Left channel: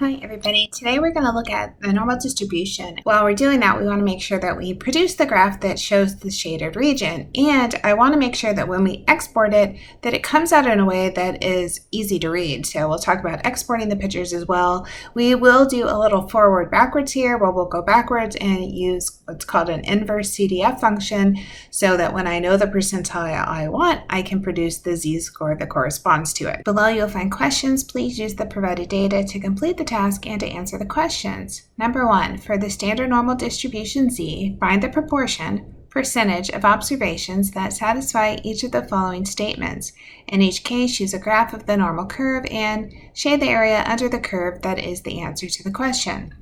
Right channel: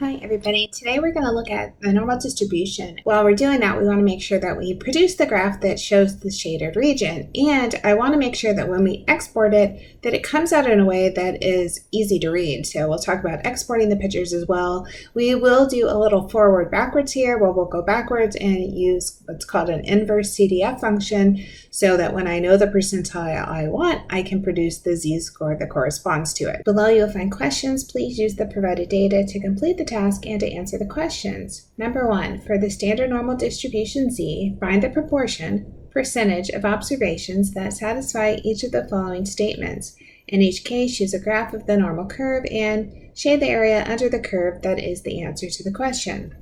Hi everybody, today we're going to look at the normal distribution. While we're doing that, we want to make sure that we produce the graph that shows the shaded region, and I want to make sure that when we export it, that it comes out in a way that is easy to read. So we'll talk about exporting the pictures as well. We will do a little forward backwards here where we'll go backwards and use what's called an inverse CDF function so that when I know the percentile I want, I can produce the z-score that corresponds to it. Below you'll find questions. Please use the provided data to complete the task and to answer the questions. Number 1, for the standard normal distribution Z, find the proportion, percentage of observations that satisfy each of the following statements. In each case, use a graph of the normal curve and shade the area under the curve that is the answer to the question.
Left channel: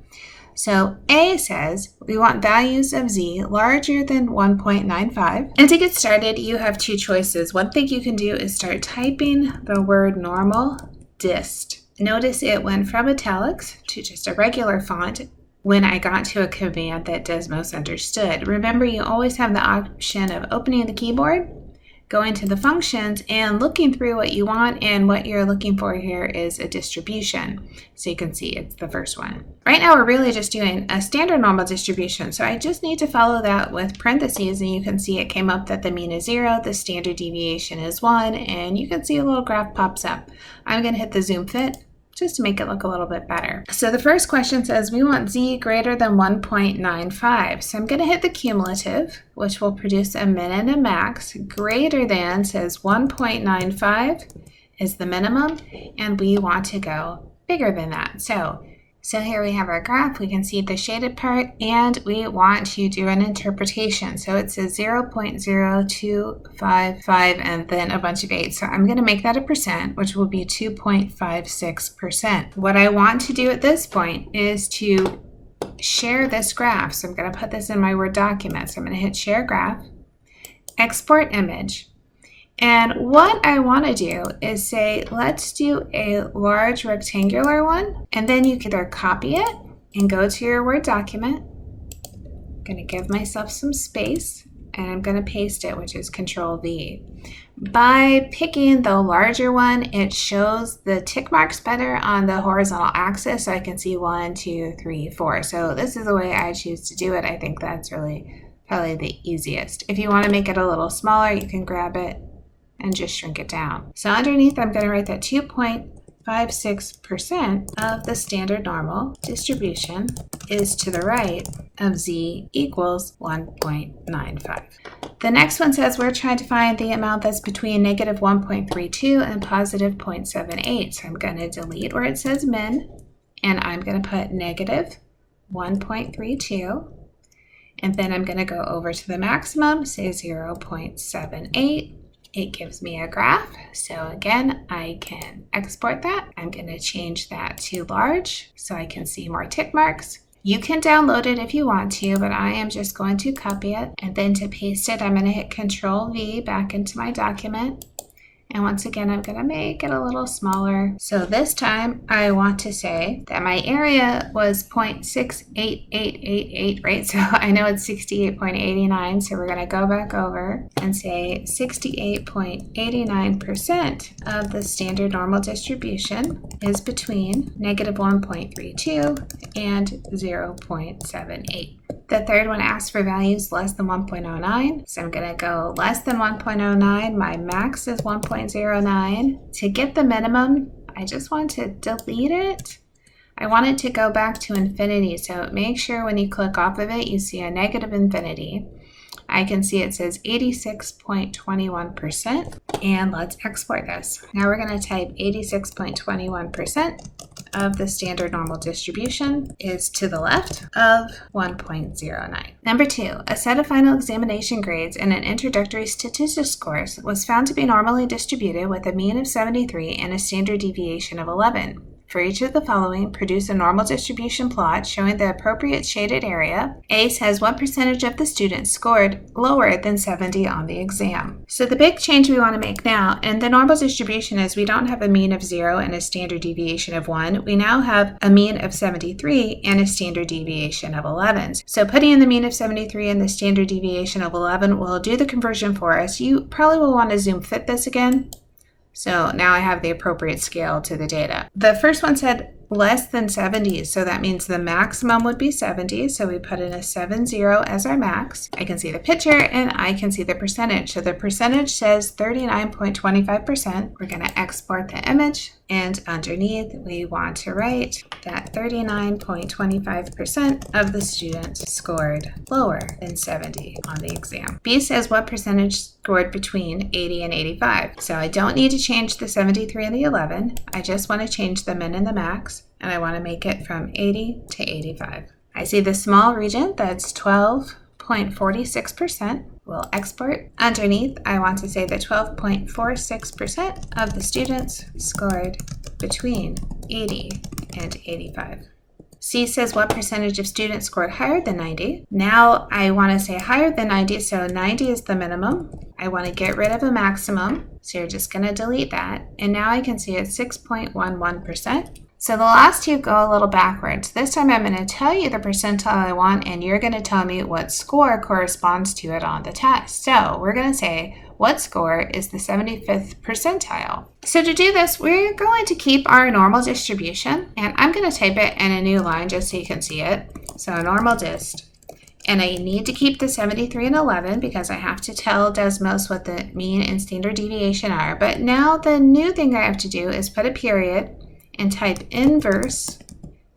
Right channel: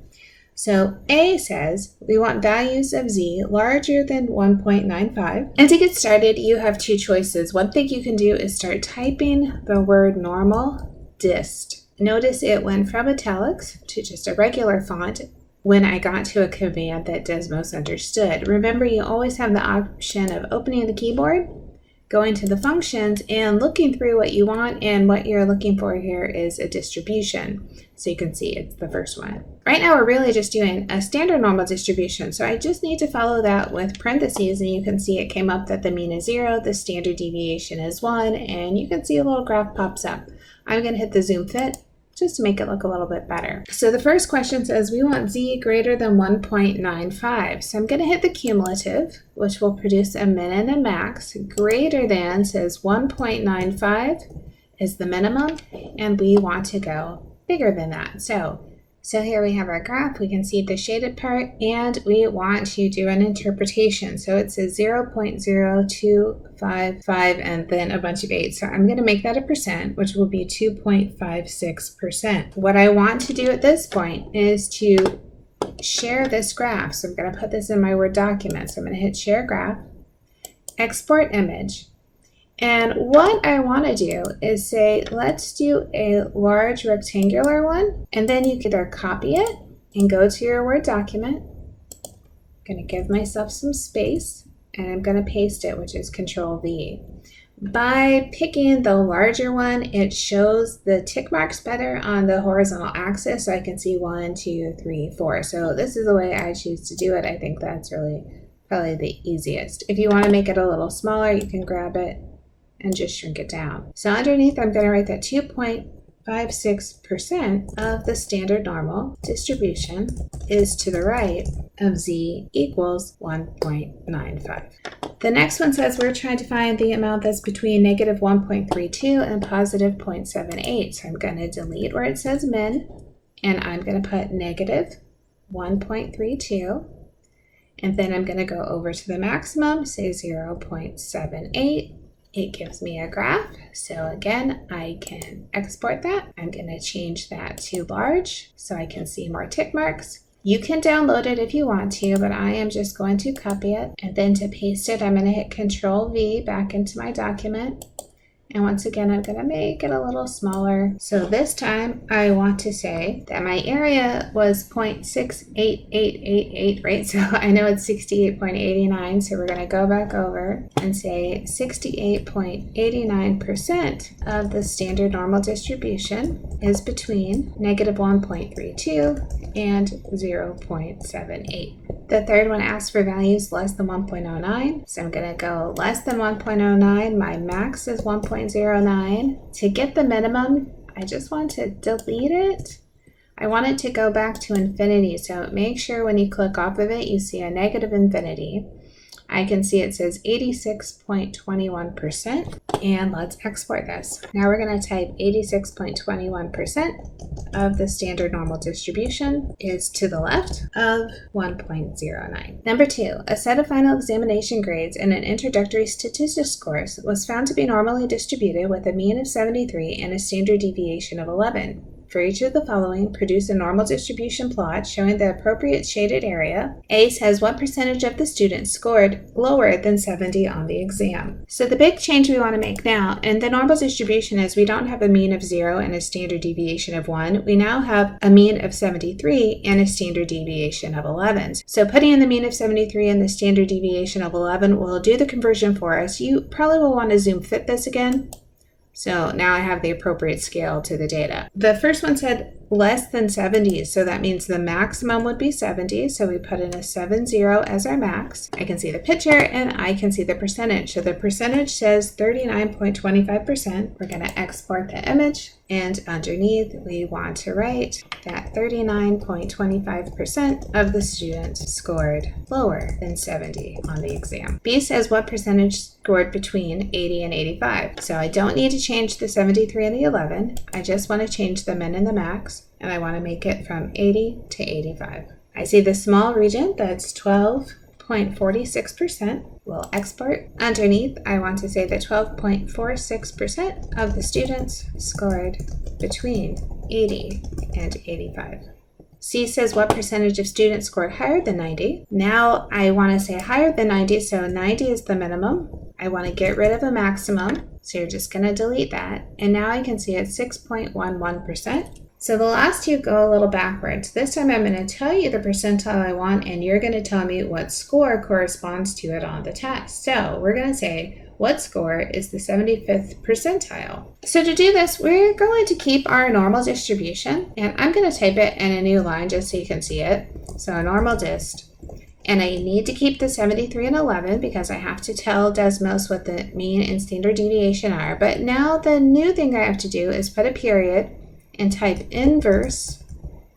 So A says we want values of Z larger than 1.95. And to get started, you have two choices. One thing you can do is start typing the word normal dist. Notice it went from italics to just a regular font when I got to a command that Desmos understood. Remember, you always have the option of opening the keyboard, going to the functions, and looking through what you want, and what you're looking for here is a distribution. So you can see it's the first one. Right now we're really just doing a standard normal distribution, so I just need to follow that with parentheses, and you can see it came up that the mean is 0, the standard deviation is 1, and you can see a little graph pops up. I'm going to hit the zoom fit just to make it look a little bit better. So the first question says we want Z greater than 1.95. So I'm going to hit the cumulative, which will produce a min and a max. Greater than says 1.95 is the minimum, and we want to go bigger than that. So here we have our graph. We can see the shaded part, and we want to do an interpretation. So it says 0.0255 and then a bunch of 8. So I'm going to make that a percent, which will be 2.56%. What I want to do at this point is to share this graph. So I'm going to put this in my Word document. So I'm going to hit Share Graph, Export Image. And what I want to do is say, let's do a large rectangular one, and then you can either copy it and go to your Word document. I'm going to give myself some space, and I'm going to paste it, which is Control V. By picking the larger one, it shows the tick marks better on the horizontal axis, so I can see 1, 2, 3, 4. So this is the way I choose to do it. I think that's really probably the easiest. If you want to make it a little smaller, you can grab it and just shrink it down. So underneath, I'm going to write that 2.56% of the standard normal distribution is to the right of Z equals 1.95. The next one says we're trying to find the amount that's between negative 1.32 and positive 0.78. So I'm going to delete where it says min, and I'm going to put negative 1.32. And then I'm going to go over to the maximum, say 0.78. It gives me a graph. So again, I can export that. I'm going to change that to large so I can see more tick marks. You can download it if you want to, but I am just going to copy it. And then to paste it, I'm going to hit Control V back into my document. And once again, I'm going to make it a little smaller. So this time I want to say that my area was 0.68888, right? So I know it's 68.89. So we're going to go back over and say 68.89% of the standard normal distribution is between negative 1.32 and 0.78. The third one asks for values less than 1.09. So I'm going to go less than 1.09. My max is 1.09. To get the minimum, I just want to delete it. I want it to go back to infinity. So make sure when you click off of it, you see a negative infinity. I can see it says 86.21%. And let's export this. Now we're going to type 86.21% of the standard normal distribution is to the left of 1.09. Number 2, a set of final examination grades in an introductory statistics course was found to be normally distributed with a mean of 73 and a standard deviation of 11. For each of the following, produce a normal distribution plot showing the appropriate shaded area. A says what percentage of the students scored lower than 70 on the exam. So the big change we want to make now, and the normal distribution is we don't have a mean of 0 and a standard deviation of 1. We now have a mean of 73 and a standard deviation of 11. So putting in the mean of 73 and the standard deviation of 11 will do the conversion for us. You probably will want to zoom fit this again. So now I have the appropriate scale to the data. The first one said less than 70. So that means the maximum would be 70. So we put in a 70 as our max. I can see the picture and I can see the percentage. So the percentage says 39.25%. We're going to export the image. And underneath, we want to write that 39.25% of the students scored lower than 70 on the exam. B says what percentage scored between 80 and 85. So I don't need to change the 73 and the 11. I just want to change the min and the max, and I want to make it from 80 to 85. I see the small region that's 12.46%. We'll export. Underneath, I want to say that 12.46% of the students scored between 80 and 85. C says what percentage of students scored higher than 90. Now I want to say higher than 90, so 90 is the minimum. I want to get rid of a maximum, so you're just going to delete that. And now I can see it's 6.11%. So the last two go a little backwards. This time I'm going to tell you the percentile I want, and you're going to tell me what score corresponds to it on the test. So we're going to say what score is the 75th percentile. So to do this, we're going to keep our normal distribution, and I'm going to type it in a new line just so you can see it. So normal dist. And I need to keep the 73 and 11 because I have to tell Desmos what the mean and standard deviation are. But now the new thing I have to do is put a period and type inverse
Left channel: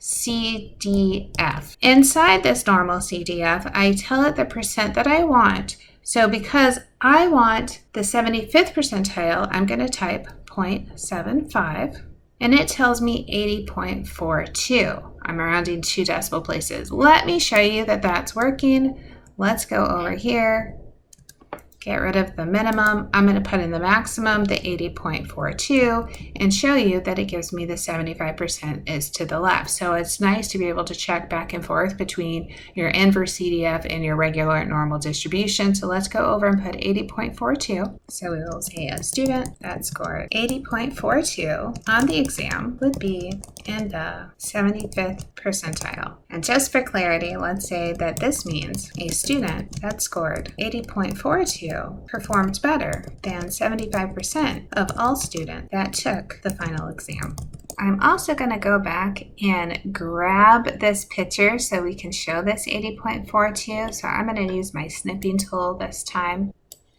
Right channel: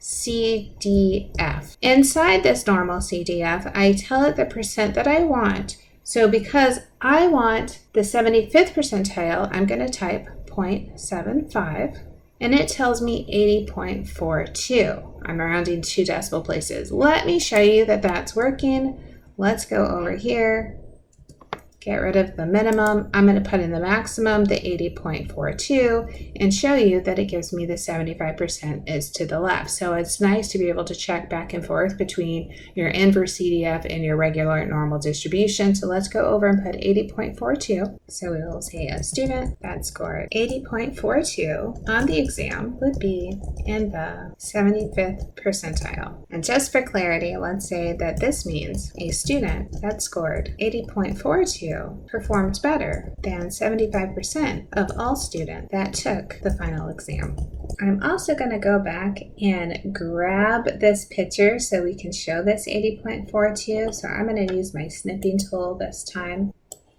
CDF. Inside this normal CDF, I tell it the percent that I want. So because I want the 75th percentile, I'm going to type 0.75, and it tells me 80.42. I'm rounding 2 decimal places. Let me show you that that's working. Let's go over here. Get rid of the minimum. I'm going to put in the maximum, the 80.42, and show you that it gives me the 75% is to the left. So it's nice to be able to check back and forth between your inverse CDF and your regular normal distribution. So let's go over and put 80.42. So we will say a student that scored 80.42 on the exam would be in the 75th percentile. And just for clarity, let's say that this means a student that scored 80.42 performed better than 75% of all students that took the final exam. I'm also going to go back and grab this picture so we can show this 80.42. So I'm going to use my snipping tool this time.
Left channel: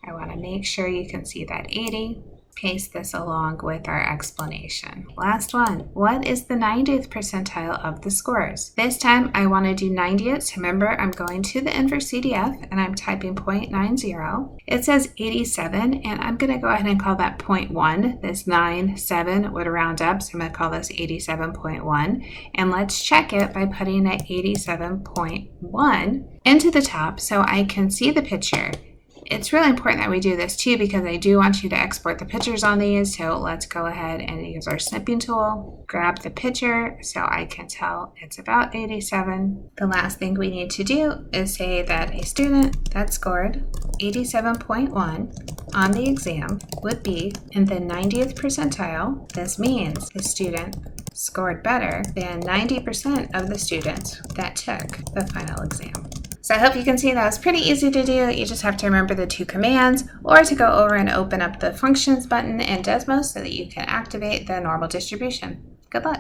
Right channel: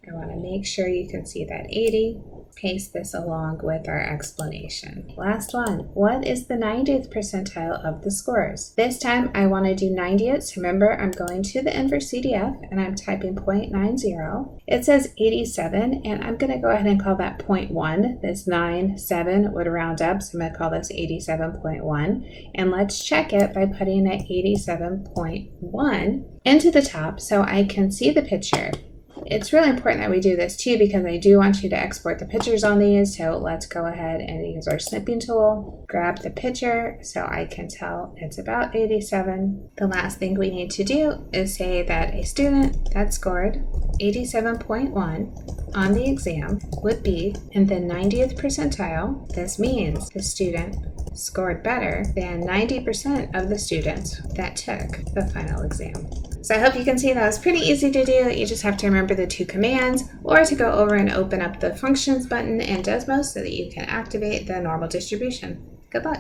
I want to make sure you can see that 80. Paste this along with our explanation. Last one. What is the 90th percentile of the scores? This time I want to do 90th. So remember, I'm going to the inverse CDF and I'm typing 0.90. It says 87, and I'm going to go ahead and call that 0.1. This 97 would round up, so I'm going to call this 87.1. And let's check it by putting an 87.1 into the top so I can see the picture. It's really important that we do this too because I do want you to export the pictures on these. So let's go ahead and use our snipping tool, grab the picture so I can tell it's about 87. The last thing we need to do is say that a student that scored 87.1 on the exam would be in the 90th percentile. This means the student scored better than 90% of the students that took the final exam. So I hope you can see that was pretty easy to do. You just have to remember the 2 commands, or to go over and open up the functions button in Desmos so that you can activate the normal distribution. Good luck.